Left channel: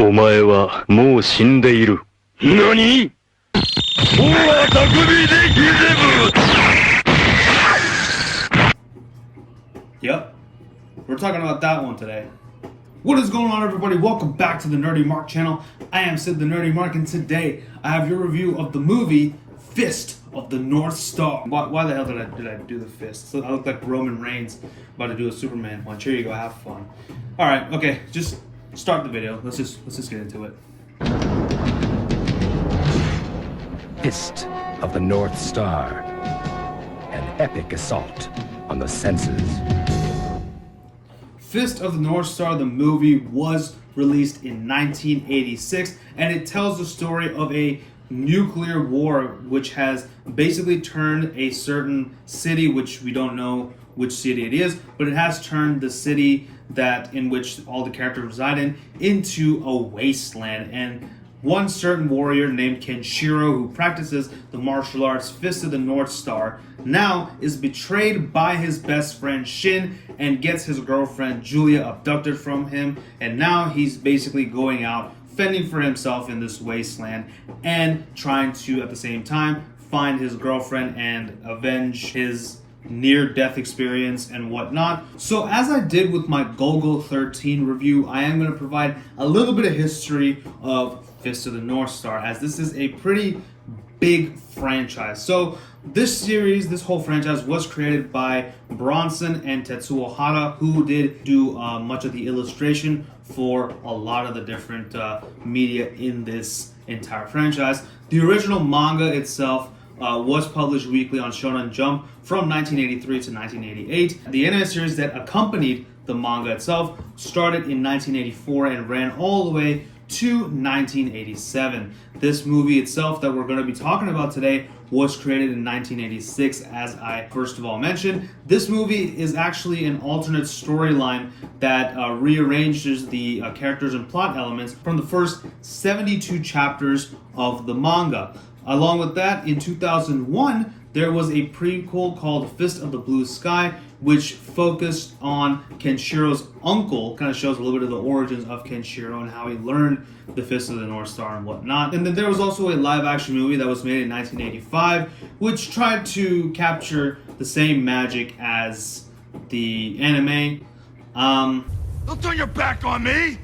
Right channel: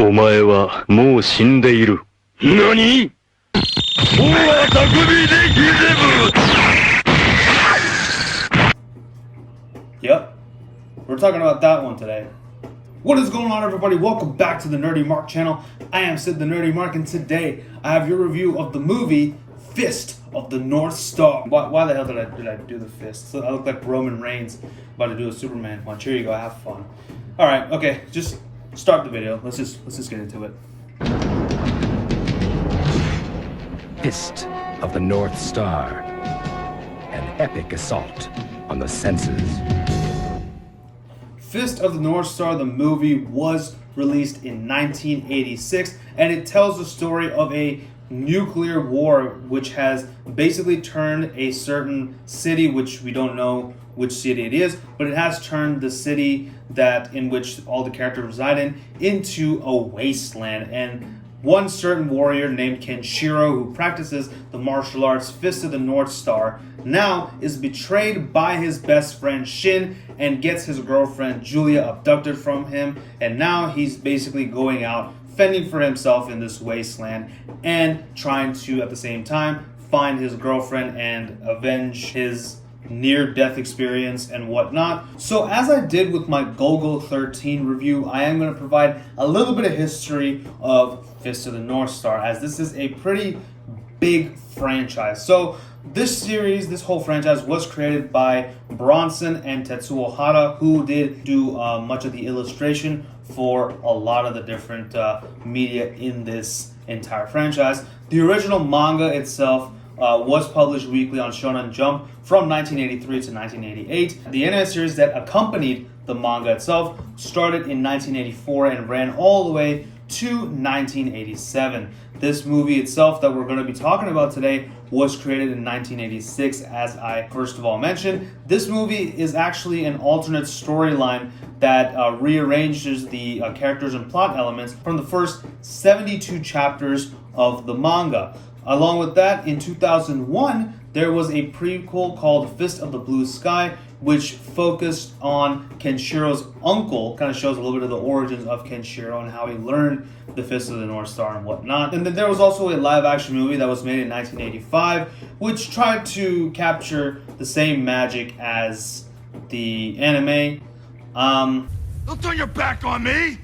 お前はもう死んでいる。何？おは匠でギゼブ。 Yep, we're talking about that one today. What is going on, everybody? Welcome back to the Nerdy Mark channel. I am Sid the Nerdy Mark, and today I have your review of the movie Fist of the North Star. Why the hell did I do the fist? So I look like Roman Reigns about to do a Superman punch. Here you go, have fun. All right, okay, just start the video. Let's just get into it. Fist of the North Star. An epic assault on the senses. Fist of the North Star, the movie, was released in 1986, and it tells the story of a nuclear war which has basically turned a certain city, which we don't know which city it is, but it has turned the city in which all the characters reside in into a wasteland. And one certain warrior named Kenshiro, who practices the martial arts Fist of the North Star, now is betrayed by his best friend Shin and gets his girlfriend Julia abducted from him. And now he's basically going out fending for himself in this wasteland and trying to, at the same time, find his girlfriend and avenge his near-death experience and whatnot. So as I did with my Golgo 13 review, I am going to provide a little bit of history of Fist of the North Star, as this is a pretty big franchise. So this whole franchise was created by Bronson and Tetsuo Hara, who did do much of the illustration for a lot of the different media in this entire franchise. The original manga itself was published weekly on Shonen Jump from 1983 to 1988. The anime series that accompanied the manga itself started in 1984 and ran all the way to 1987. This movie itself that we're going to be talking about today was created in 1986, as I first of all mentioned. This movie is actually an alternate storyline that rearranges the characters and plot elements from the first 72 chapters of the manga. Along with that, in 2001, there was a prequel called Fist of the Blue Sky, which focused on Kenshiro's uncle, kind of shows a little bit of the origins of Kenshiro and how he learned the Fist of the North Star and whatnot. And then there was also a live-action movie that was made in 1985, which tried to capture the same magic as the anime. Don't turn your back on me!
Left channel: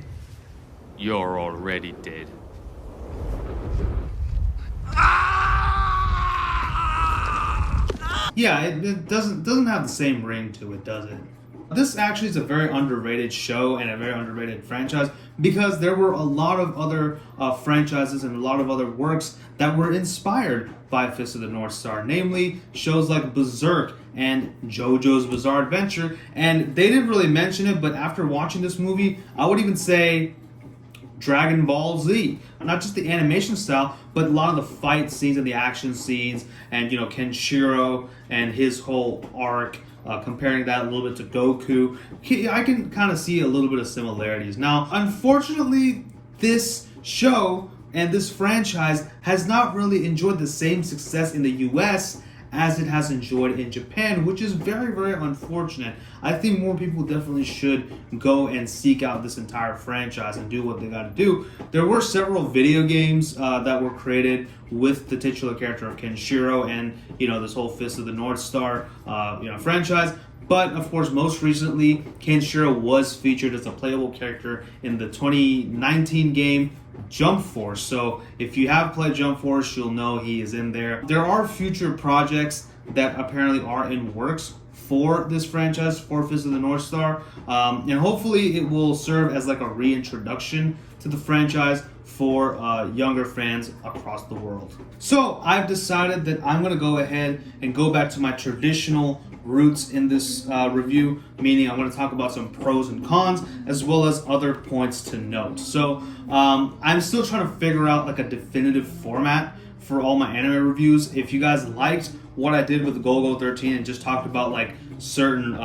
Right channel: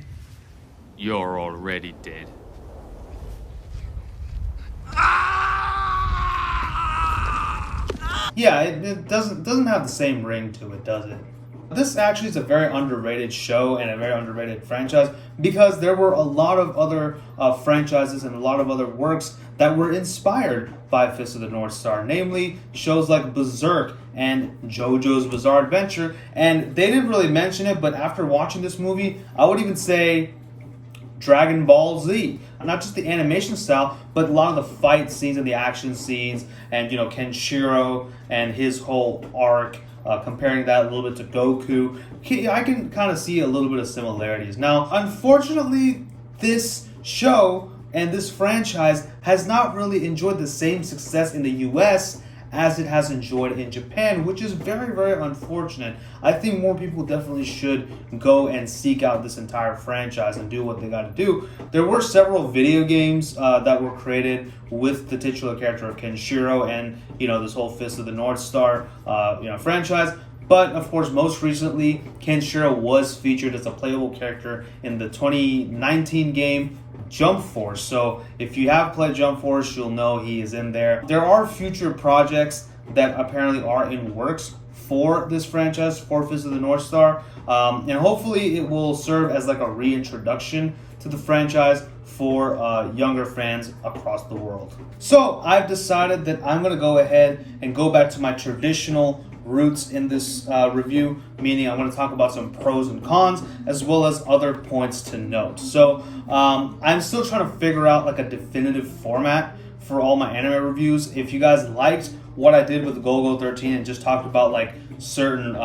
You're already dead. Yeah, it doesn't have the same ring to it, does it? This actually is a very underrated show and a very underrated franchise, because there were a lot of other franchises and a lot of other works that were inspired by Fist of the North Star, namely shows like Berserk and JoJo's Bizarre Adventure. And they didn't really mention it, but after watching this movie, I would even say Dragon Ball Z. Not just the animation style, but a lot of the fight scenes and the action scenes, and Kenshiro and his whole arc, comparing that a little bit to Goku. I can kind of see a little bit of similarities. Now, unfortunately, this show and this franchise has not really enjoyed the same success in the US as it has enjoyed in Japan, which is very, very unfortunate. I think more people definitely should go and seek out this entire franchise and do what they got to do. There were several video games that were created with the titular character of Kenshiro and this whole Fist of the North Star franchise. But of course, most recently, Kenshiro was featured as a playable character in the 2019 game Jump Force. So if you have played Jump Force, you'll know he is in there. There are future projects that apparently are in works for this franchise, for Fist of the North Star, and hopefully it will serve as like a reintroduction to the franchise for younger fans across the world. So I've decided that I'm going to go ahead and go back to my traditional roots in this review, meaning I'm going to talk about some pros and cons as well as other points to note. So I'm still trying to figure out like a definitive format for all my anime reviews. If you guys liked what I did with Golgo 13 and just talked about like certain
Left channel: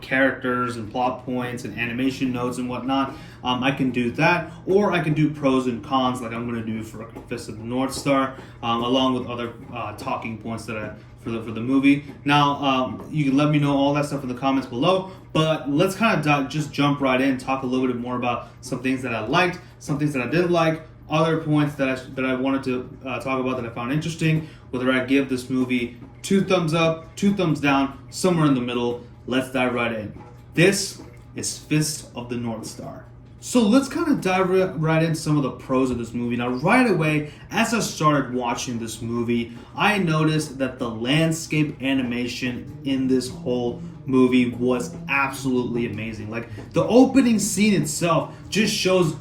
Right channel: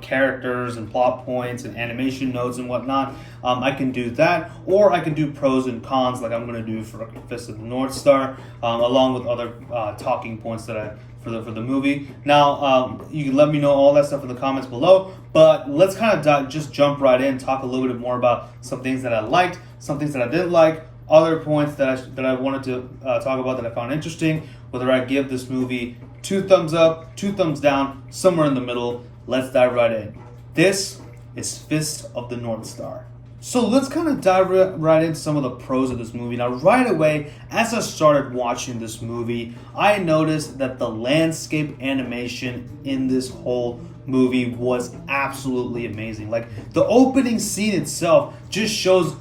characters and plot points and animation notes and whatnot, I can do that, or I can do pros and cons like I'm going to do for Fist of the North Star, along with other talking points that for the movie. Now, you can let me know all that stuff in the comments below, but let's kind of just jump right in, talk a little bit more about some things that I liked, some things that I didn't like, other points that I wanted to talk about that I found interesting, whether I give this movie 2 thumbs up, 2 thumbs down, somewhere in the middle. Let's dive right in. This is Fist of the North Star. So let's kind of dive right into some of the pros of this movie. Now, right away, as I started watching this movie, I noticed that the landscape animation in this whole movie was absolutely amazing. Like, the opening scene itself just shows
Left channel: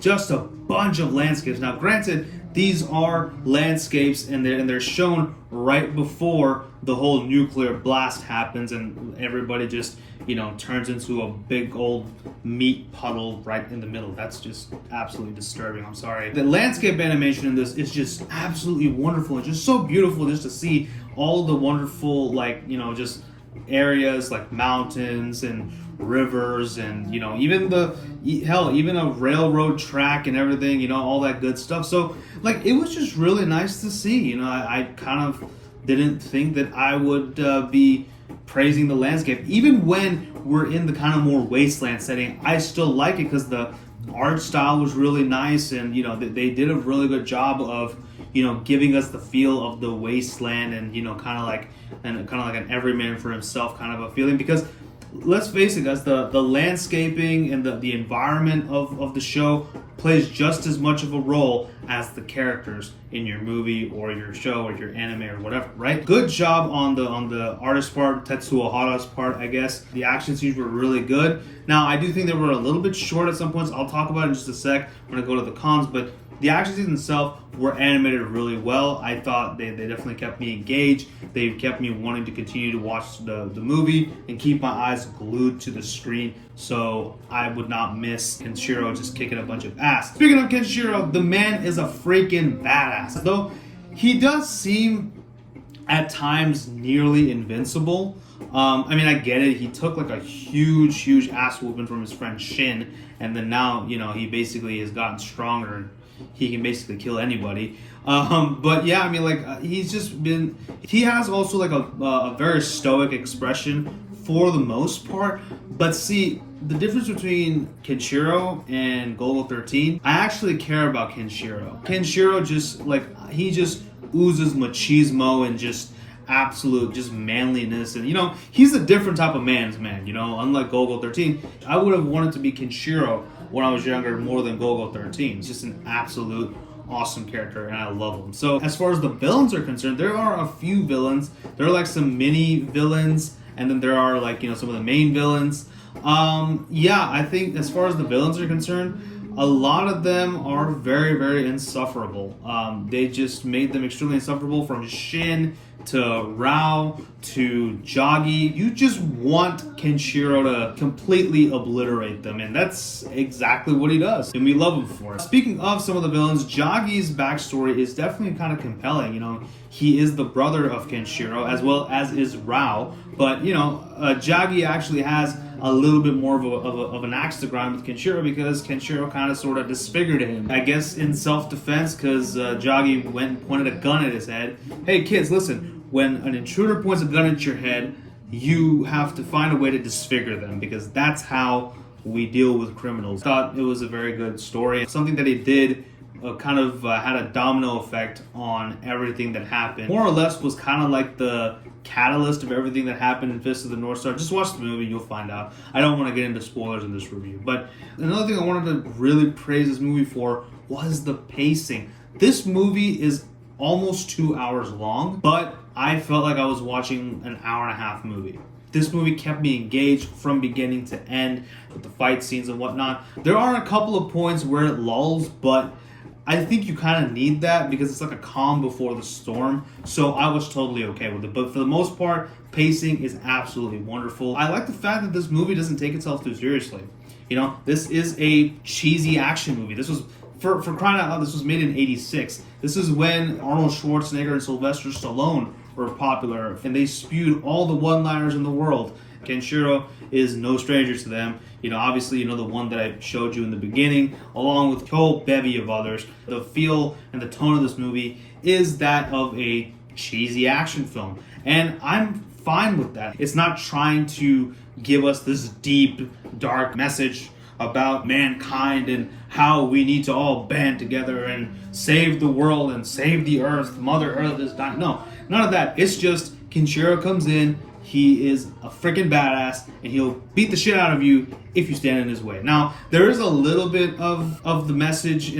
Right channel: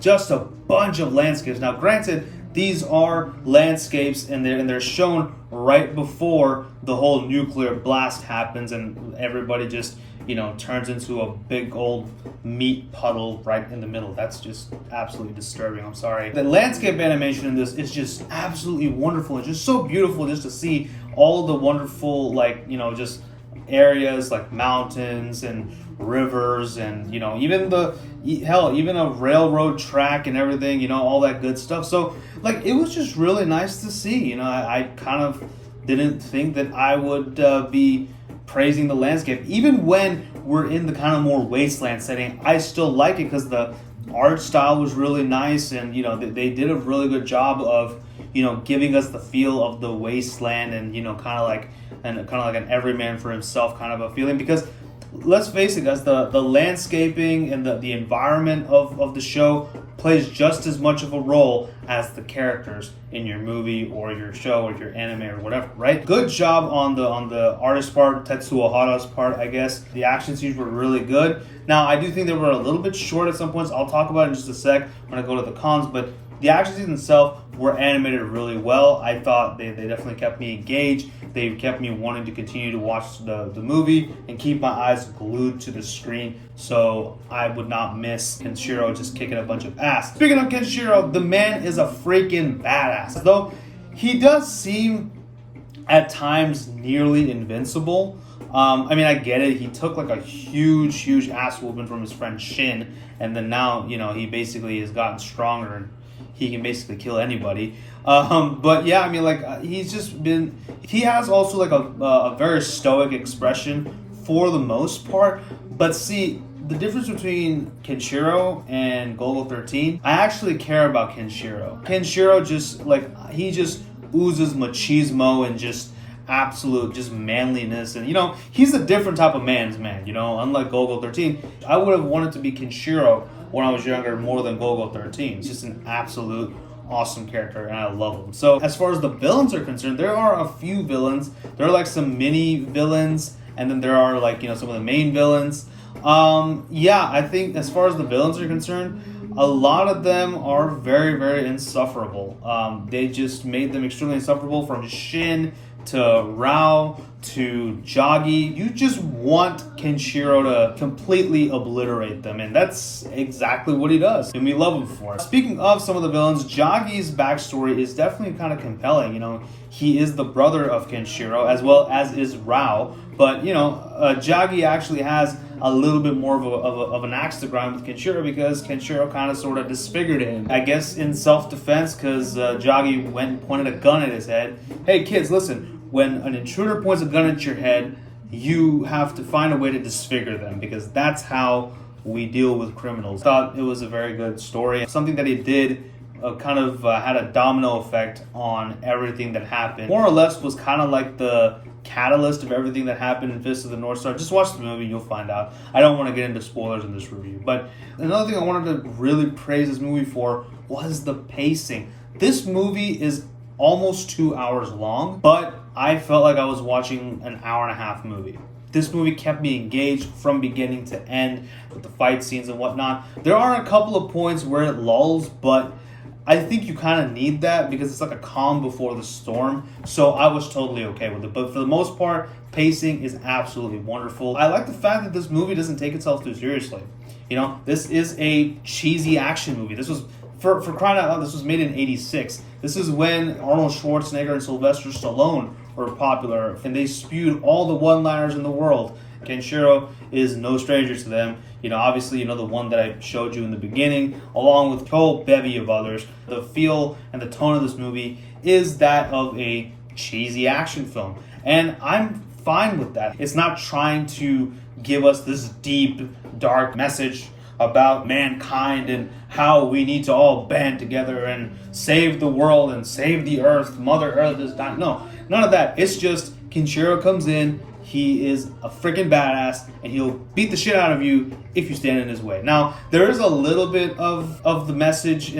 just a bunch of landscapes. Now, granted, these are landscapes and they're shown right before the whole nuclear blast happens and everybody just, turns into a big old meat puddle right in the middle. That's just absolutely disturbing. I'm sorry. The landscape animation in this is just absolutely wonderful. It's just so beautiful just to see all the wonderful, just areas like mountains and rivers and even a railroad track and everything, all that good stuff. So it was just really nice to see. I kind of didn't think that I would be praising the landscape. Even when we're in the kind of more wasteland setting, I still like it because the art style was really nice, and they did a really good job of giving us the feel of the wasteland and kind of like an everyman for himself kind of a feeling. Because let's face it, guys, the landscaping and the environment of the show plays just as much of a role as the characters in your movie or your show or your anime or whatever, right? Good job on the artist part, Tetsuo Hara's part, I guess. The action scenes were really good. Now, I do think they were a little bit short at some points. I'll talk about it in just a sec when I go to the cons, but the action scenes themselves were animated really well. I thought they definitely kept me engaged. They kept me wanting to continue to watch the movie and keep my eyes glued to the screen so I would not miss Kenshiro just kicking a bunch of ass. Speaking of Kenshiro, the man is a freaking badass. Though he does seem at times nearly invincible. I get it. He took a huge ass whooping from his friend Shin, and then now, he basically has gotten stronger and he can basically kill anybody. But yeah, he's just been, he has also a very stoic expression for the most part. But see, the difference between Kenshiro and Golgo 13, I actually care about Kenshiro. Kenshiro just, he just oozes machismo and just absolute just manliness, and he's a different type of man's man. Unlike Golgo 13, I would have wanted to be Kenshiro when I was younger more than Golgo 13. It's just an absolute awesome character and I love him. So as far as the villains are concerned, there are a few villains. There are some mini villains, and then there are some of the main villains. I think as far as the villains are concerned, a lot of them are very, very insufferable. They just made them extremely insufferable, from Shin to Rao to Jagi. You just want Kenshiro to completely obliterate them, and that's exactly what he does, and we love him for it. Speaking of some of the villains, Jagi's backstory is definitely kind of compelling. He is the brother of Kenshiro, as well as is Rao, but Jagi actually has a little bit more of an axe to grind with Kenshiro, because Kenshiro kind of sort of disfigured him, I guess in self-defense, because Jagi went and pointed a gun at his head. Hey kids, listen, when an intruder points a gun at your head, you have to find a way to disfigure them, because that's how we deal with criminals. Thought it was a very good story. Something that he did had a domino effect on everything that happened. More or less was kind of like the catalyst of everything that happened in Fist of the North Star. Just watch the movie, you'll find out. I don't want to get into spoilers in this review. But another thing I wanted to really praise this movie for was the pacing. This movie is almost 2 hours long, but I felt like I was watching an hour and a half movie. This movie kept me engaged from beginning to end with the fight scenes and whatnot. There are a couple of points where it lulls, but I think you kind of need that because it's like a calm before the storm. So I was totally okay with it. But for the most part, pacing is absolutely wonderful. I like the fact that this movie doesn't take itself too seriously. This is a cheesy action movie. This was, for crying out loud, this was made in '86. This is when Arnold Schwarzenegger and Sylvester Stallone were popular, and they spewed all the one-liners in the world. Kenshiro is no stranger to them. Obviously, the one that I showed you in the beginning, along with a whole bevy of others. The feel and the tone of this movie is that of a cheesy action film. And I'm fine with that. It's not trying to give us this deep, dark message about mankind and how we need to all band together and save the world and save the earth. Mother Earth is dying. No, none of that. It's just Kenshiro comes in. He is a freaking badass, and he'll beat the shit out of you if you stand in his way. Now, there is a little bit of the message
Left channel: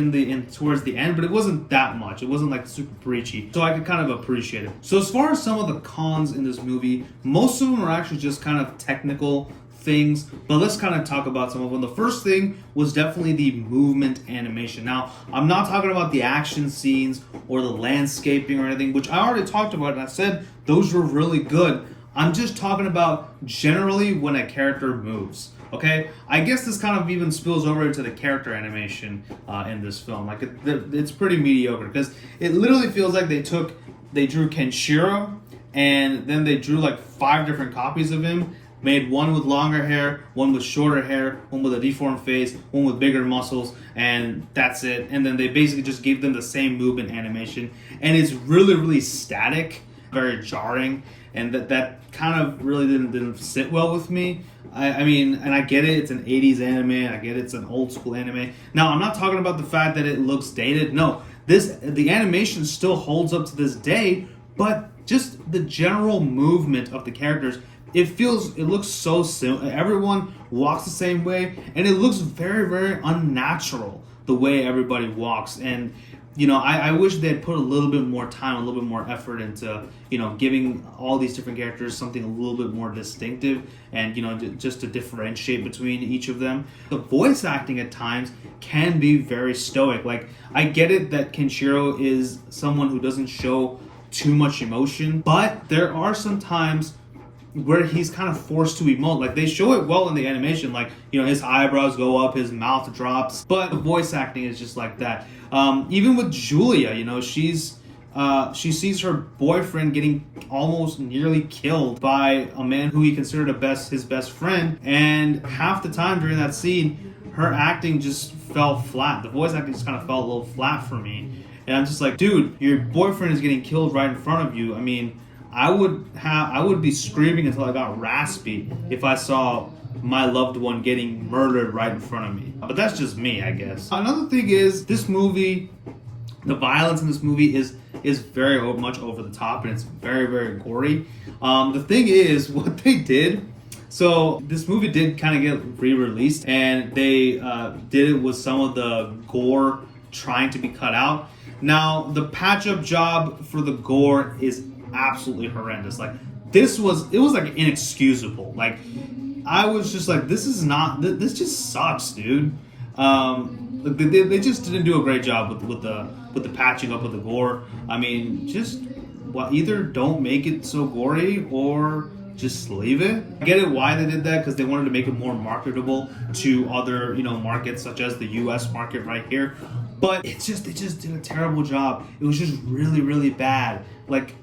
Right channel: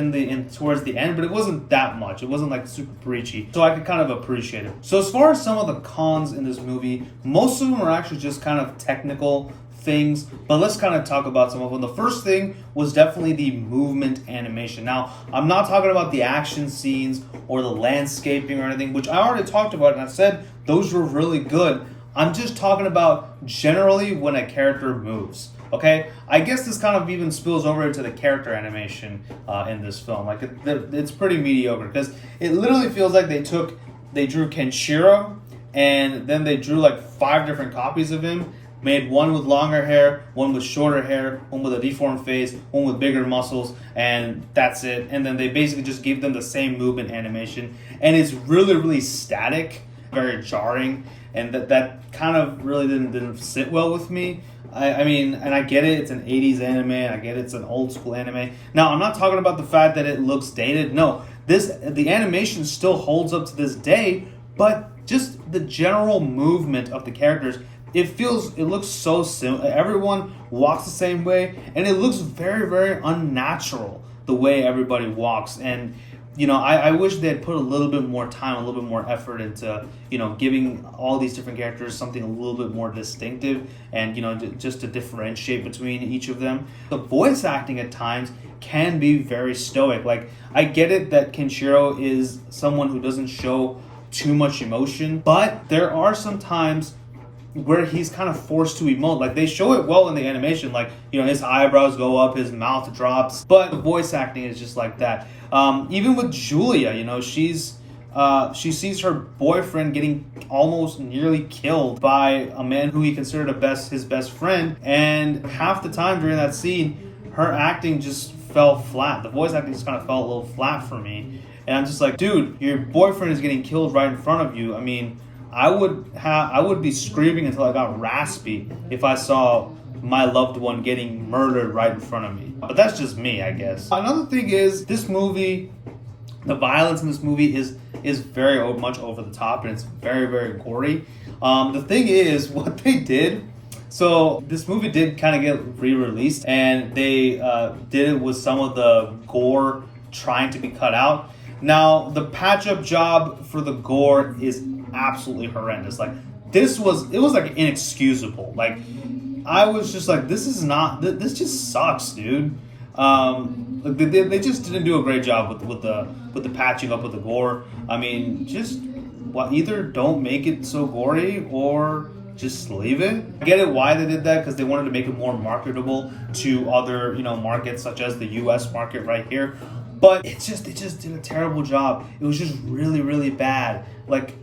towards the end, but it wasn't that much. It wasn't like super preachy, so I could kind of appreciate it. So as far as some of the cons in this movie, most of them are actually just kind of technical things, but let's kind of talk about some of them. The first thing was definitely the movement animation. Now, I'm not talking about the action scenes or the landscaping or anything, which I already talked about, and I said those were really good. I'm just talking about generally when a character moves. Okay, I guess this kind of even spills over into the character animation in this film. Like it's pretty mediocre because it literally feels like they drew Kenshiro and then they drew like 5 different copies of him, made one with longer hair, one with shorter hair, one with a deformed face, one with bigger muscles, and that's it. And then they basically just gave them the same movement animation, and it's really, really static, very jarring, and that kind of really didn't sit well with me. I mean, and I get it, it's an 80s anime, I get it's an old school anime. Now, I'm not talking about the fact that it looks dated. No, the animation still holds up to this day, but just the general movement of the characters, it looks so simple. Everyone walks the same way, and it looks very, very unnatural the way everybody walks. And I wish they had put a little bit more time, a little bit more effort into, giving all these different characters something a little bit more distinctive and, just to differentiate between each of them. The voice acting at times can be very stoic. Like, I get it that Kenshiro is someone who doesn't show too much emotion, but there are some times where he's kind of forced to emote. Like, they show it well in the animation, like, his eyebrows go up, his mouth drops, but the voice acting is just like that. Even with Julia, she sees her boyfriend getting almost nearly killed by a man who he considered his best friend, and half the time during that scene, her acting just fell flat. The voice acting just kind of fell a little flat for me, and I'm just like, dude, your boyfriend is getting killed right in front of you. I mean, I would be screaming until I got raspy if I saw my loved one getting murdered right in front of me. But that's just me, I guess. Another thing is, this movie, the violence in this movie is very much over the top, and it's very, very gory. The thing is, what they did, so this movie did kind of get re-released, and they did it with some of the gore trying to be cut out. Now, the patch-up job for the gore is absolutely horrendous. Like, it was like inexcusable. Like, I was just like, this just sucks, dude. Like they just didn't do a great job with the patching up with the gore. I mean, just either don't make it so gory or just leave it. I get it why they did that, because they wanted to make it more marketable to other markets such as the U.S. market right here. But they just did a terrible job. It was just really, really bad. Like,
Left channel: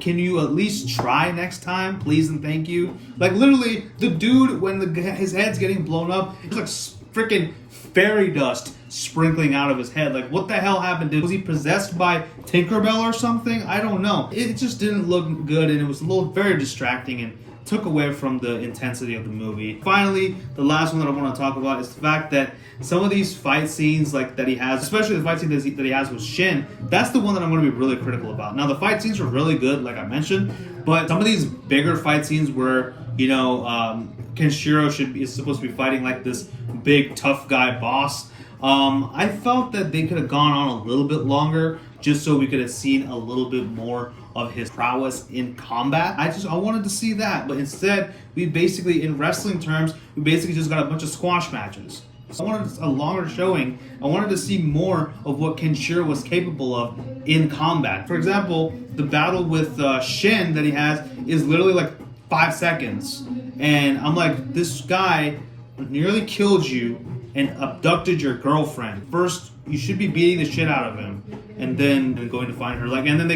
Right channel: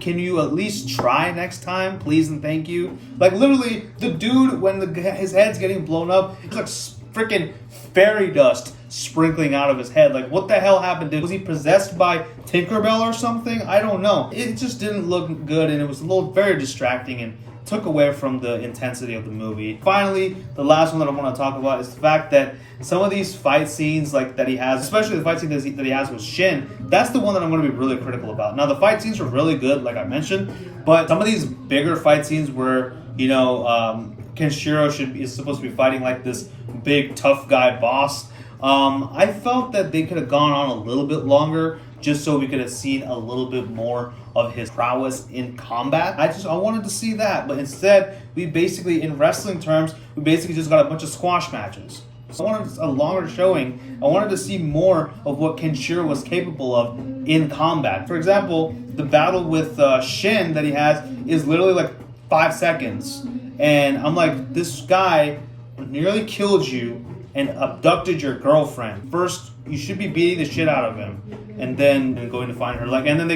can you at least try next time, please and thank you? Like, literally, the dude, when his head's getting blown up, it's like freaking fairy dust sprinkling out of his head. Like, what the hell happened? Was he possessed by Tinkerbell or something? I don't know. It just didn't look good, and it was very distracting and took away from the intensity of the movie. Finally, the last one that I want to talk about is the fact that some of these fight scenes that he has, especially the fight scene that he has with Shin, that's the one that I'm going to be really critical about. Now, the fight scenes are really good, like I mentioned, but some of these bigger fight scenes where, Kenshiro is supposed to be fighting like this big tough guy boss, I felt that they could have gone on a little bit longer just so we could have seen a little bit more of his prowess in combat. I wanted to see that, but instead, in wrestling terms, we basically just got a bunch of squash matches. So I wanted a longer showing. I wanted to see more of what Kenshiro was capable of in combat. For example, the battle with Shin that he has is literally like 5 seconds. And I'm like, this guy nearly killed you and abducted your girlfriend. First, you should be beating the shit out of him, and then going to find her. Like, and then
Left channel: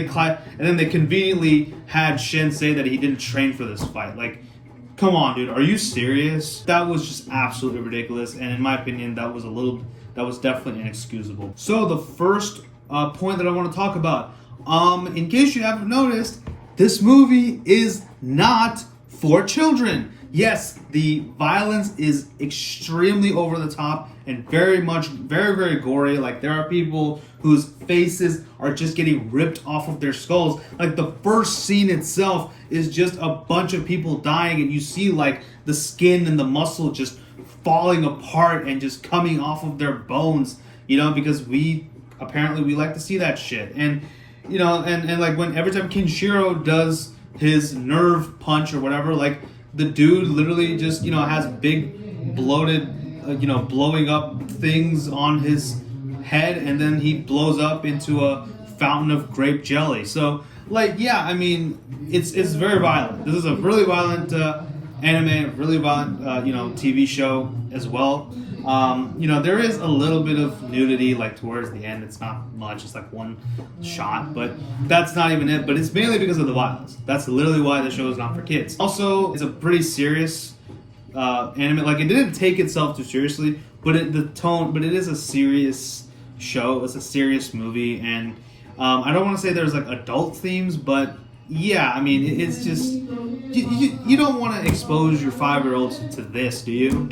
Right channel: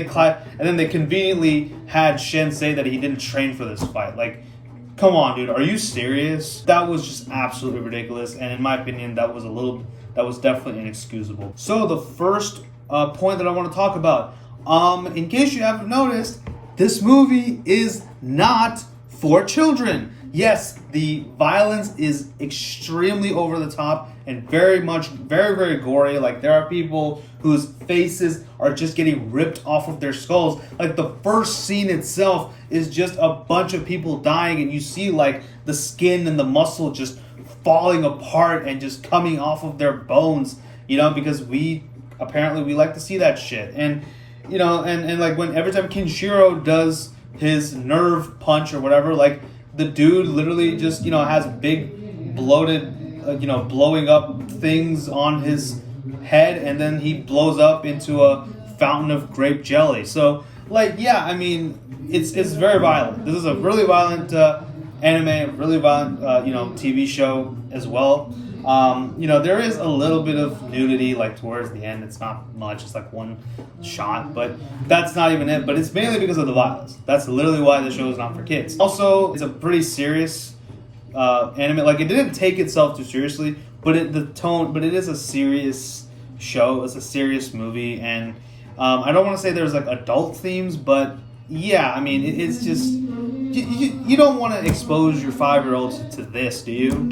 they conveniently had Shen say that he didn't train for this fight. Like, come on, dude, are you serious? That was just absolutely ridiculous, and in my opinion, that was definitely inexcusable. So the first point that I want to talk about, in case you haven't noticed, this movie is not for children. Yes, the violence is extremely over the top and very, very gory. Like, there are people whose faces are just getting ripped off of their skulls. Like, the first scene itself is just a bunch of people dying, and you see like the skin and the muscle just falling apart and just coming off of their bones, you know, because we like to see that shit. And you know, and like when every time Kenshiro does his nerve punch or whatever, like the dude literally just, you know, has big bloated, you know, blowing up things on his head, and then he blows up into a fountain of grape jelly. So like, yeah, I mean, it's very violent. This is a really violent anime, really violent, you know, TV show as well. You know, there is a little bit of nudity, like towards the end. It's not much, it's like one shot, but that's not even it. But it's mainly because of the violence. That's literally why the show is not for kids. Also, it's a pretty serious anime. Like, it didn't take itself too seriously, but it is a serious show. It's a serious movie, and I don't want to say there's like adult themes, but yeah, I mean, it's just you don't want to expose your 5-year-olds to this, do you?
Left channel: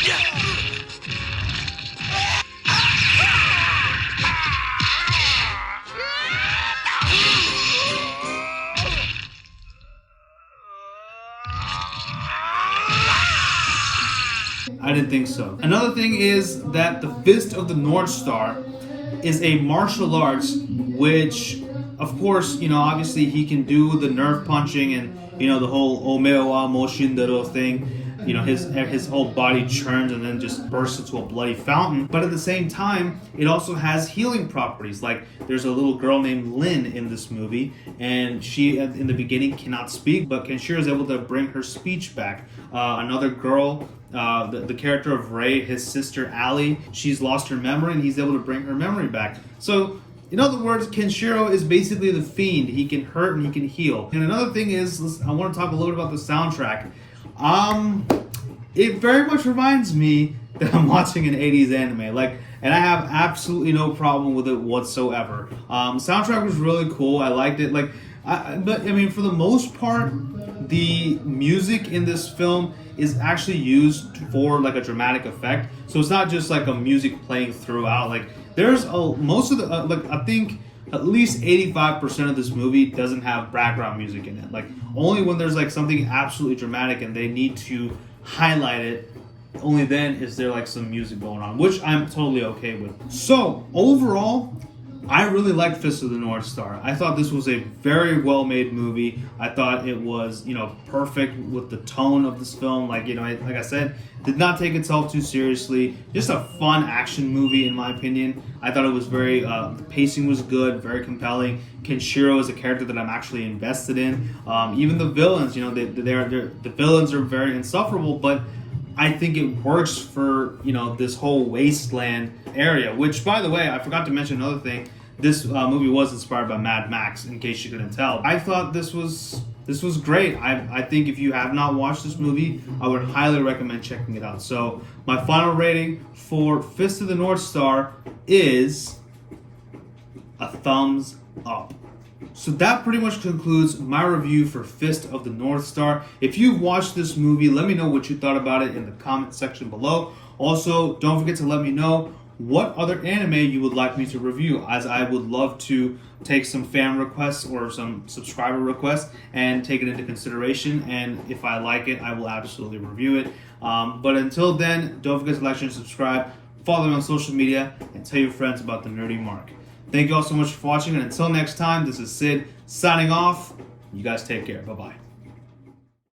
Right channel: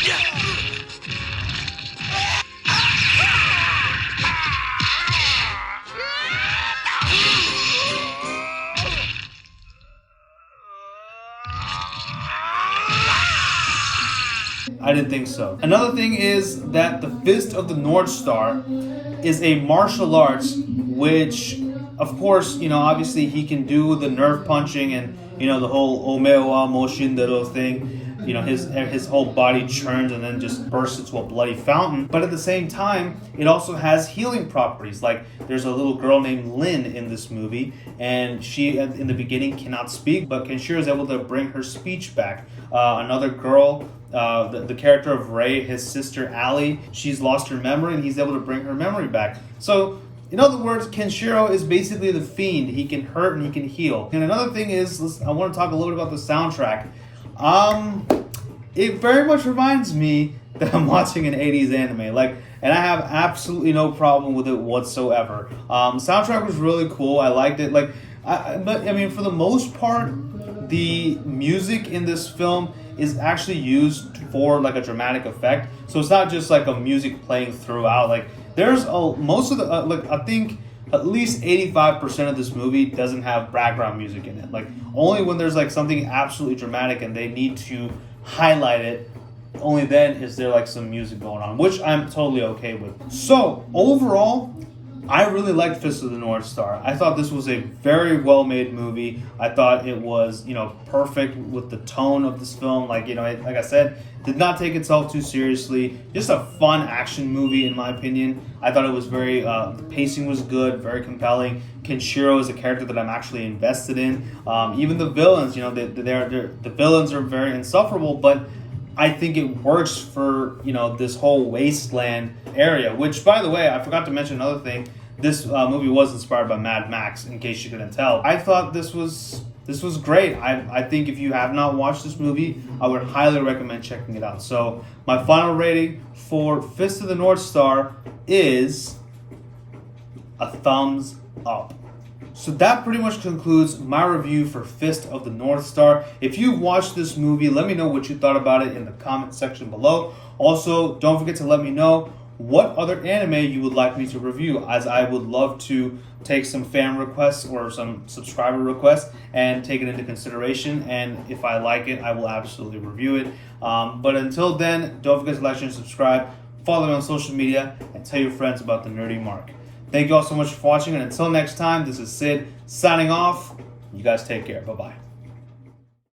I didn't think so. Another thing is that the Fist of the North Star is a martial arts, which, of course, you know, obviously he can do the nerve punching and, you know, the whole OMAE WA MO SHINDERU thing. You know, his whole body churns and then just bursts into a bloody fountain. But at the same time, it also has healing properties. Like, there's a little girl named Lin in this movie, and she, in the beginning, cannot speak, but Kenshiro is able to bring her speech back. Another girl, the character of Ray, his sister Allie, she's lost her memory, and he's able to bring her memory back. So, in other words, Kenshiro is basically the Fiend. He can hurt and he can heal. And another thing is, I want to talk a little bit about the soundtrack. It very much reminds me that I'm watching an 80s anime. Like, and I have absolutely no problem with it whatsoever. Soundtrack was really cool. I liked it. Like, but I mean, for the most part, the music in this film is actually used for like a dramatic effect. So it's not just like a music playing throughout. Like, there's most of the like, I think at least 85% of this movie doesn't have background music in it. Like, only when there's like something absolutely dramatic and they need to highlight it, only then is there like some music going on, which I'm totally okay with. So overall, I really liked Fist of the North Star. I thought this was a very well-made movie. I thought it was, you know, perfect with the tone of this film. Like, you know, like I said, did not take itself too seriously. Just a fun action movie, in my opinion. I thought it was very, the pacing was good, very compelling. Kenshiro is a character that I'm actually invested in. Even the villains, you know, the villains are very insufferable, but I think it works for, you know, this whole wasteland area, which, by the way, I forgot to mention another thing. This movie was inspired by Mad Max, in case you couldn't tell. I thought this was great. I think if you have not watched this movie, I would highly recommend checking it out. So my final rating for Fist of the North Star is a thumbs up. So that pretty much concludes my review for Fist of the North Star. If you've watched this movie, let me know what you thought about it in the comment section below. Also, don't forget to let me know what other anime you would like me to review, as I would love to take some fan requests or some subscriber requests and take it into consideration. And if I like it, I will absolutely review it. But until then, don't forget to like, share, and subscribe. Follow me on social media and tell your friends about the Nerdy Mark. Thank you all so much for watching, and until next time, this is Sid signing off. You guys take care. Bye-bye.